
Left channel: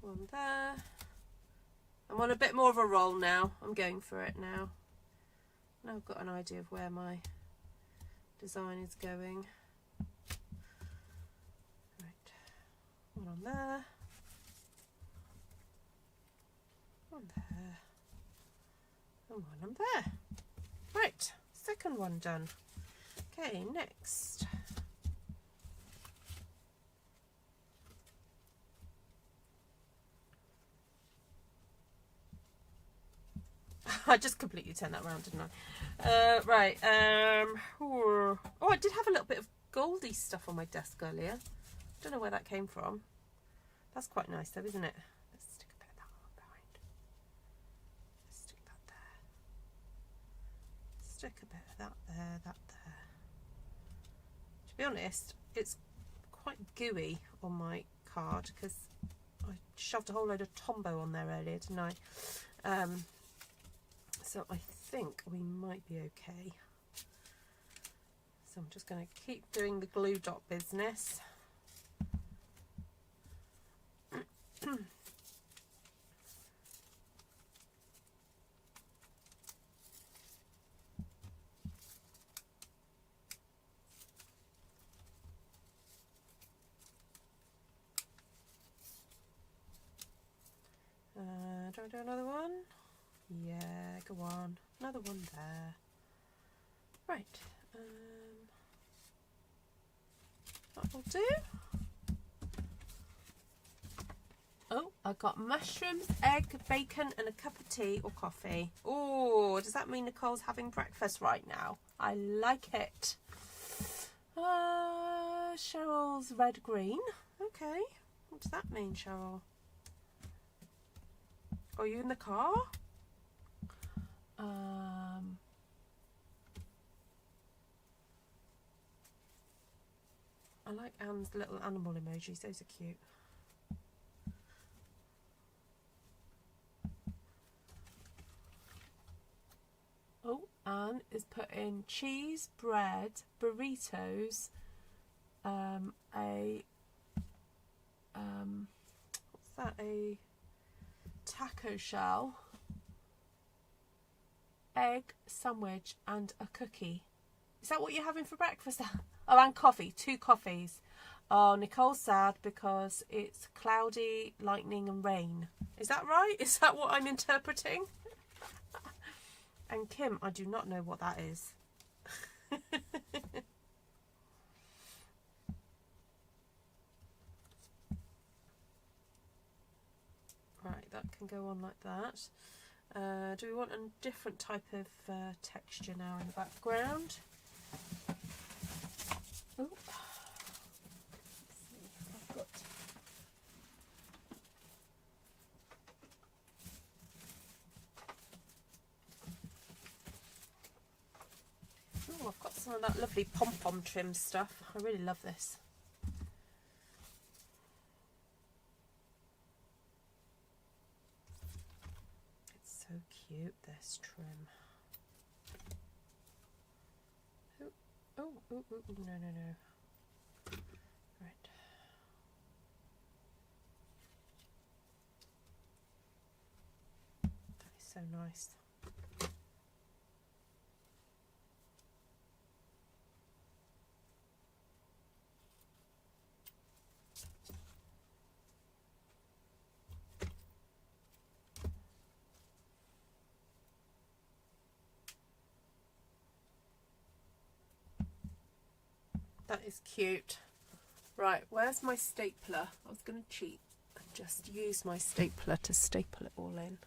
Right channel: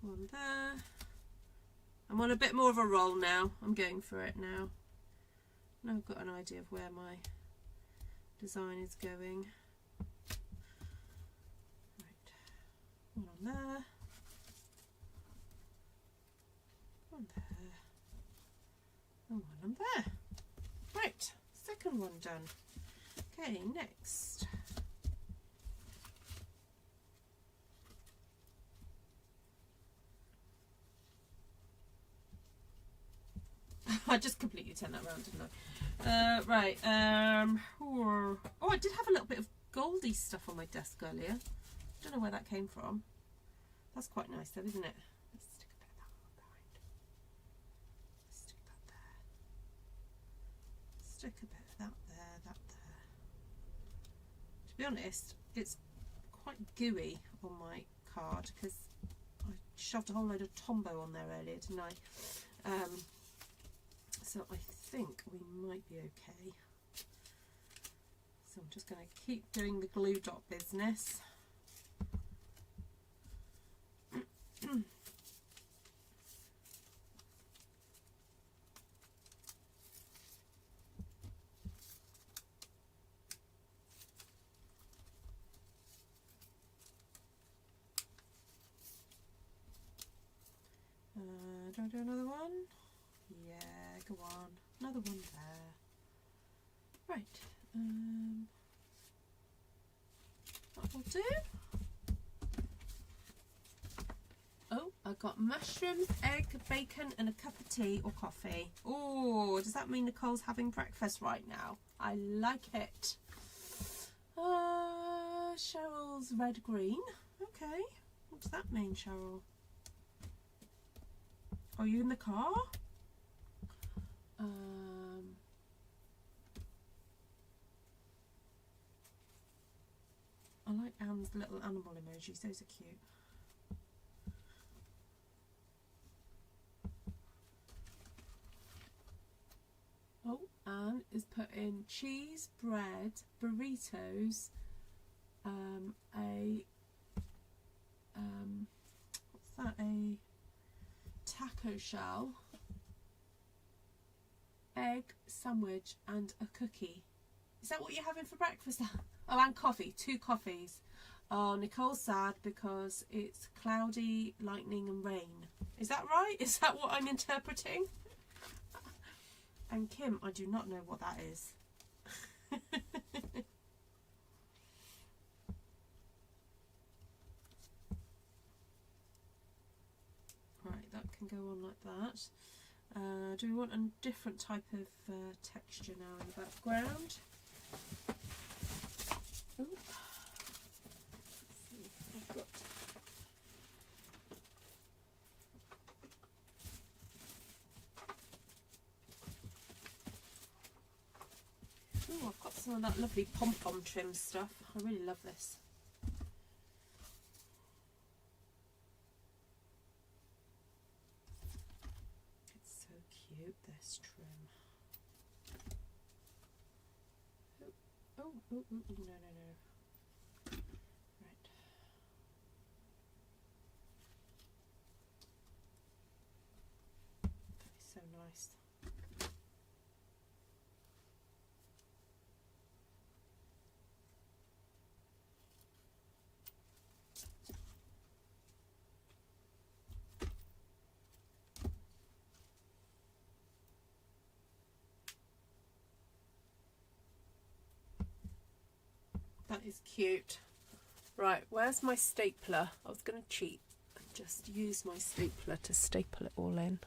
One there. I'm on a bit more of a roll now. I'm going for it now. Now I've got an idea of where my design is going. One on there, one there, and one on there. Right, second one done. Okay, next. I just completely turned that around, didn't I? Right. Oh, I did have a little bit of goldy stuff on my desk earlier. Don't know where that came from. That's quite nice though, isn't it? Let's stick a bit of that on behind. Let's stick that there. Stick a bit of that there, that there. To be honest, it's quite gooey on my card because I shoved a whole load of Tombow on there earlier, didn't I? So I think we might be okay. So I'm just going to keep doing the glue dot business. Do I do another one? Yeah, go on. Another one there. Right. That'll do. Oh, I I got mushrooms, egg, bacon and a cup of tea or coffee. Oh, does that mean Nicole's having breakfast right now? I like it. Cheryl's red green. Okay. What does that mean, Cheryl? Are you in the car? I like Anne's little animal emojis. Those are cute. Oh, Anne is putting cheese, bread, burritos, what's that? A taco shell, egg sandwich, and a cookie. Is that what you're having for breakfast? Oh, and coffee. 2 coffees. Oh, Nicole's sad because it's cloudy, lightning and rain. Is that right? Is that what I'm interpreting? And Kim, I do not know what that is. Right, that can go on like that. Do we want a different type of texture now in the background? Oh, I've got some of that lovely pom-pom trim stuff. I really love this. It's so cute, this trim. Oh, no. Right. That is so nice. That is cute. Right, where's my stapler? I was going to cheat and just use my stapler to staple it all in.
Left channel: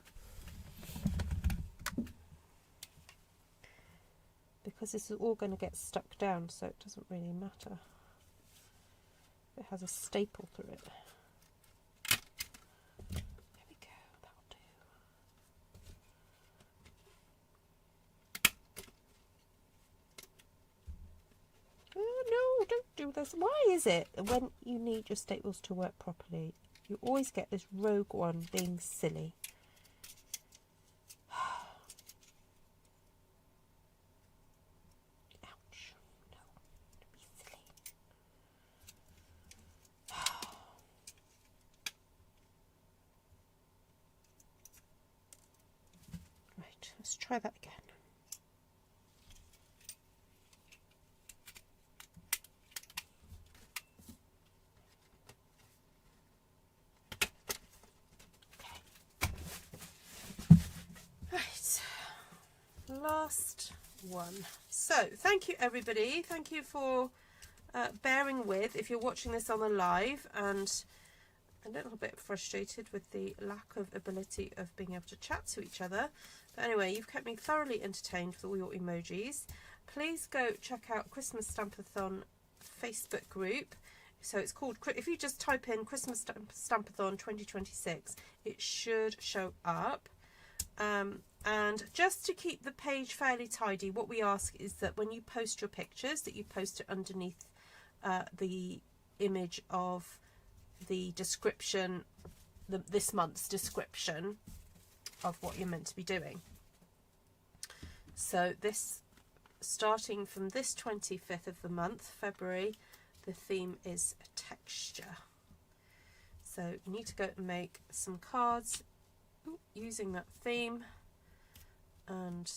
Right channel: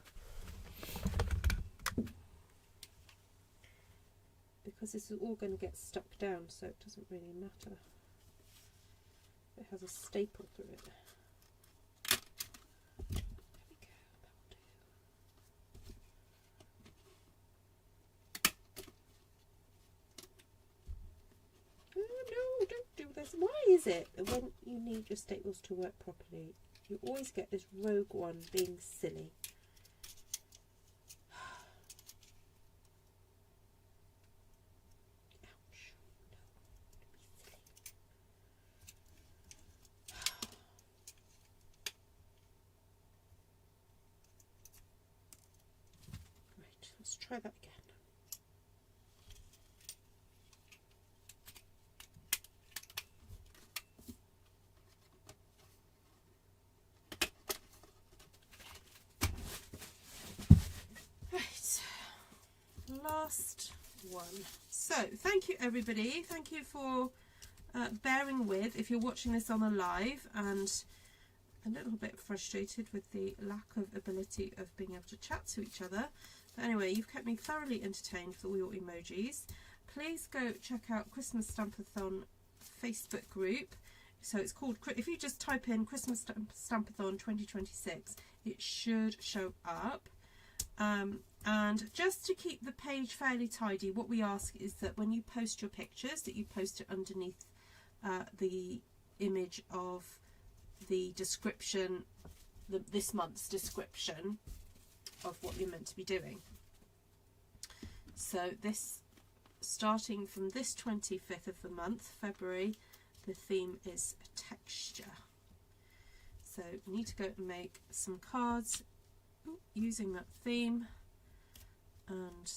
Because this is all going to get stuck down, so it doesn't really matter. It has a staple through it. There we go, that'll do. No, don't do this. Why is it when you need your staples to work properly, you always get this rogue one being silly? Ouch. No, don't be silly. Right, let's try that again. Last one. So thank you everybody, thank you for bearing with if you're watching this on the live, and a little bit frustrated with the lack of ability of being able to chat to each other, but anyway, you've kept me thoroughly entertained with all your emojis. Please go check out Christmas Stampathon Facebook group. So it's called, if you just type in Christmas Stampathon 2026, it should show up. And just to keep the page fairly tidy, what we ask is that when you post your pictures, that you post it underneath the image of the description, this month's description of what you're meant to be doing. So this, starting from this 25th of the month, February, the theme is texture. So you need to go and make some cards using that theme and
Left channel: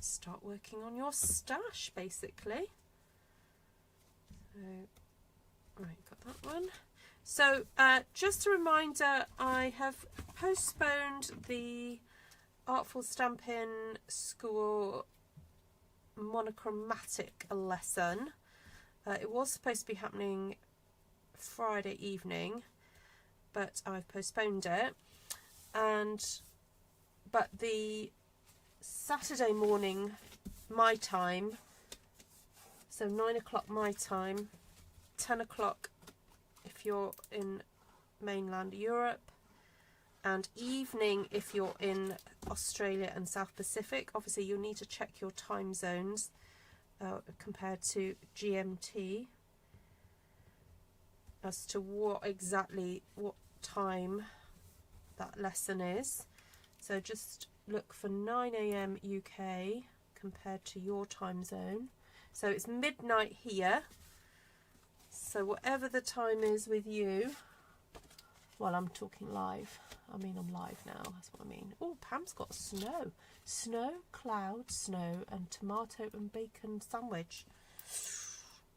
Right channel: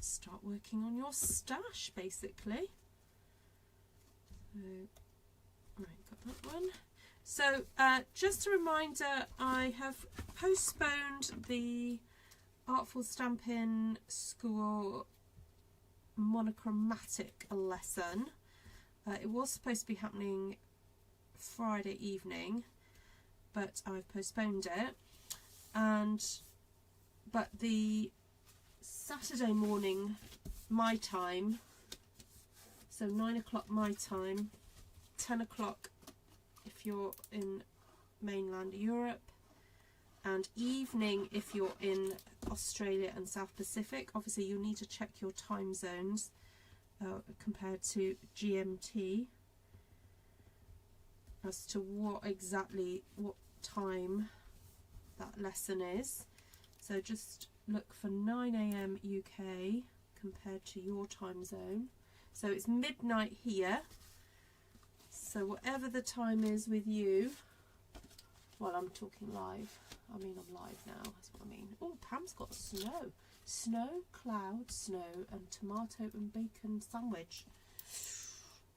start working on your stash, basically. So, right, got that one. So just a reminder, I have postponed the Artful Stampin School monochromatic lesson. It was supposed to be happening Friday evening. but I've postponed it. But the Saturday morning my time, so 9 o'clock my time, 10 o'clock if you're in mainland Europe, and evening if you're in Australia and South Pacific. Obviously you'll need to check your time zones compared to GMT as to what time that lesson is. So just look for 9 AM UK compared to your time zone. So it's midnight here, so whatever the time is with you. Well, I'm talking live. I mean, I'm live now, that's what I mean. Oh, Pam's got snow. Snow, cloud, snow, and tomato and bacon sandwich.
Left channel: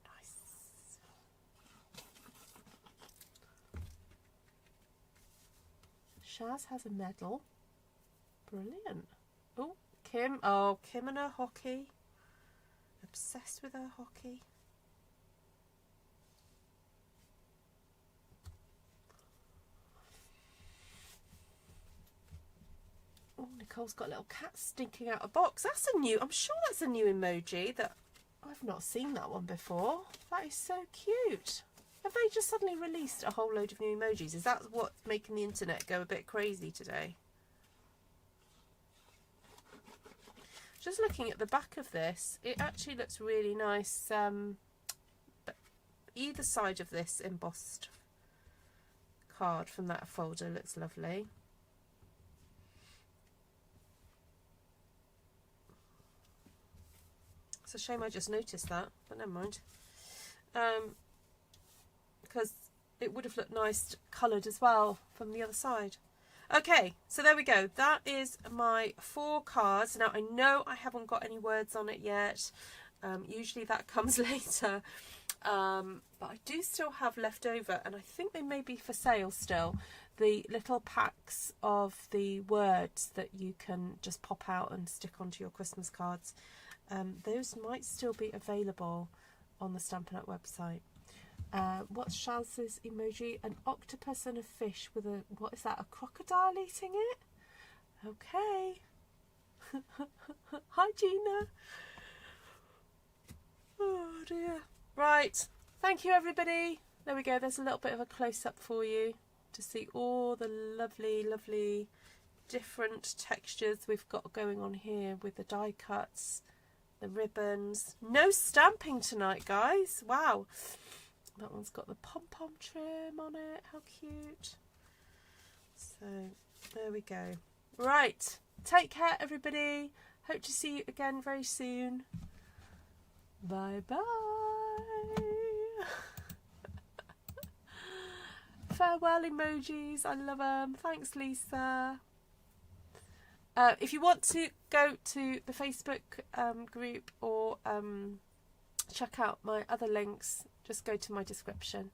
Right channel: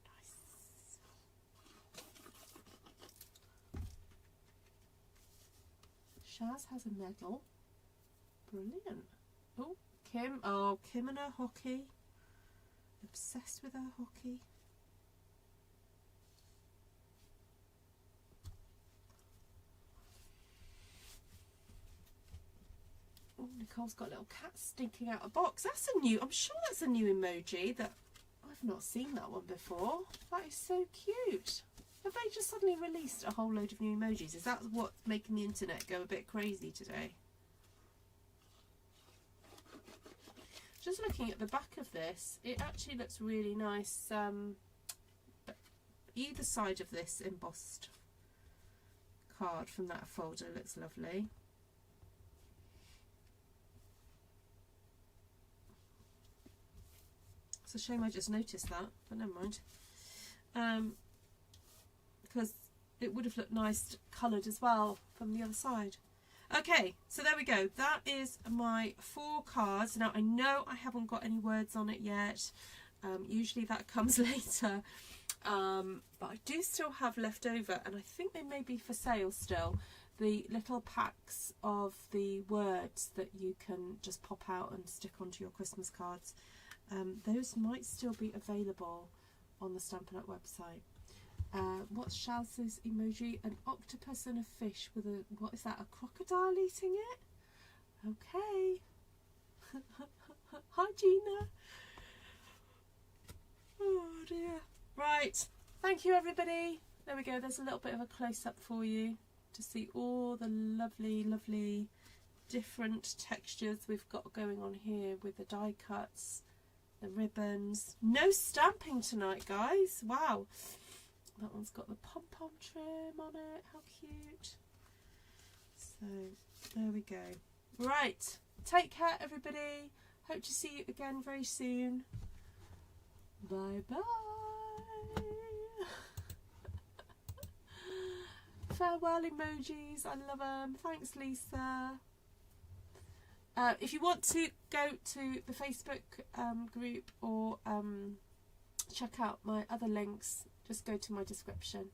Nice. Shaz has a medal. Brilliant. Oh, Kim. Oh, Kim and her hockey. Obsessed with her hockey. Oh, Nicole's got a little cat stinking out a box. That's a new, I'm sure that's a new emoji that I've not seen that one before. That is so cute. Have they just suddenly released a whole load of new emojis? Is that what's making the internet go a bit crazy today? Just looking at the back of this, it actually looks really nice. Either side of this embossed card from that folder looks lovely. It's a shame I just noticed that, but never mind. Because it would have looked nice coloured as well from the other side. Okay, so there we go. That is my 4 cards. Now I know I haven't got any words on it yet. Usually that comes later. But I do still have left over, and I think they may be for sale still. The little packs of the words that you can just pop out and stick onto your Christmas cards. Those might still be available on the Stampin' Up website. What's Shaz's emoji? An octopus and a fish with a, what is that, a crocodile eating it? Okay. Hi Gina. Oh dear. Right, thank you everybody. There we go, there's a little bit of a close-up for you to see all the lovely, lovely different textures we've got going on here with the die cuts, the ribbons. No stamping tonight, guys. Wow. That one's got the pom-pom trim on it. How cute. So, there we go. Right. Take care, everybody. Hope to see you again very soon. Bye-bye. Farewell emojis. I love them. Thanks, Lisa. If you want to go to the Facebook group or check out my other links, just go to my description.